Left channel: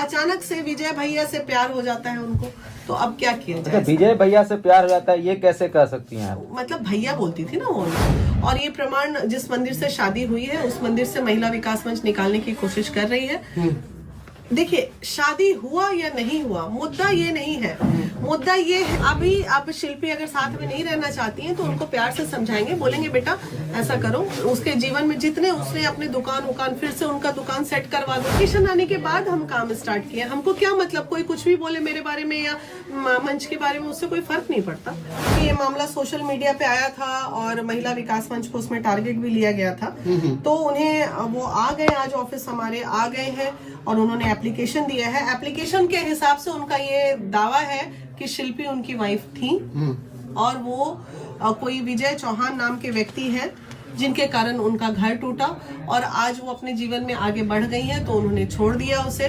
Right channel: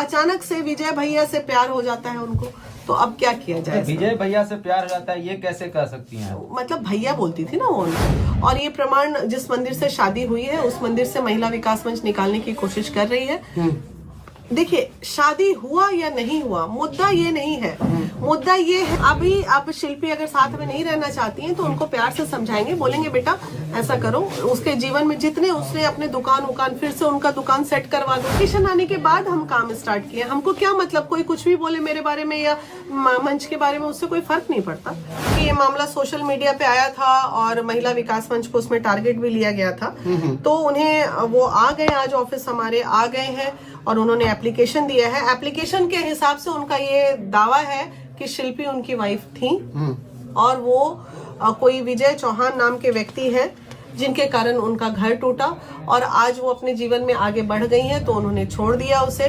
अचानक से विजय भैया से प्यार हो जाता है उनको, तो अब क्या किया जाए? विजय भैया से प्यार हो जाता है, ये कैसे कह सकती हैं? मतलब भैया बोलती थी ना वो उनको। और ये प्रमाण जिस मंदिर से शादी हुई है उस मंदिर से महिला विकास मंच निकालने की कोशिश कर रही है। देखिए, शादी हुआ या नहीं हुआ मुद्दा ये नहीं है, मुद्दा ये है अभी अब शिल्पी अगर साथ में नहीं रहना चाहती हैं तो उनको प्यार से समझाएंगे, बोलेंगे बेटा ऐसा करो, उसके जीवन में जितने उसने अपने दुकान फिर से उनका दुकान सेट करवा दो। किशन आने के बाद हम काम स्टार्ट किए, हमको क्या मतलब कोई कुछ भी बोले मेरे बारे में या मंच के बारे में, उससे कोई फर्क नहीं पड़ता। ये मामला सोशल मीडिया पे आया था और महिला विकास मंच को उसमें टारगेट भी लिया गया था, तो उन्हें वो आ गए, आज ऑफिस हमारे आ गए हैं और उन्होंने एप्लीकेशन दिया है। एप्लीकेशन के हिसाब से उनका ये दावा है कि शिल्पी उनकी वाइफ थी और वो कोई विजय चौहान नाम के व्यक्ति हैं जिनके कारण उनका घर टूटा और आज वो अपने जीवन में आगे बढ़ गई हैं, तो उन्होंने छोड़ दिया उसे।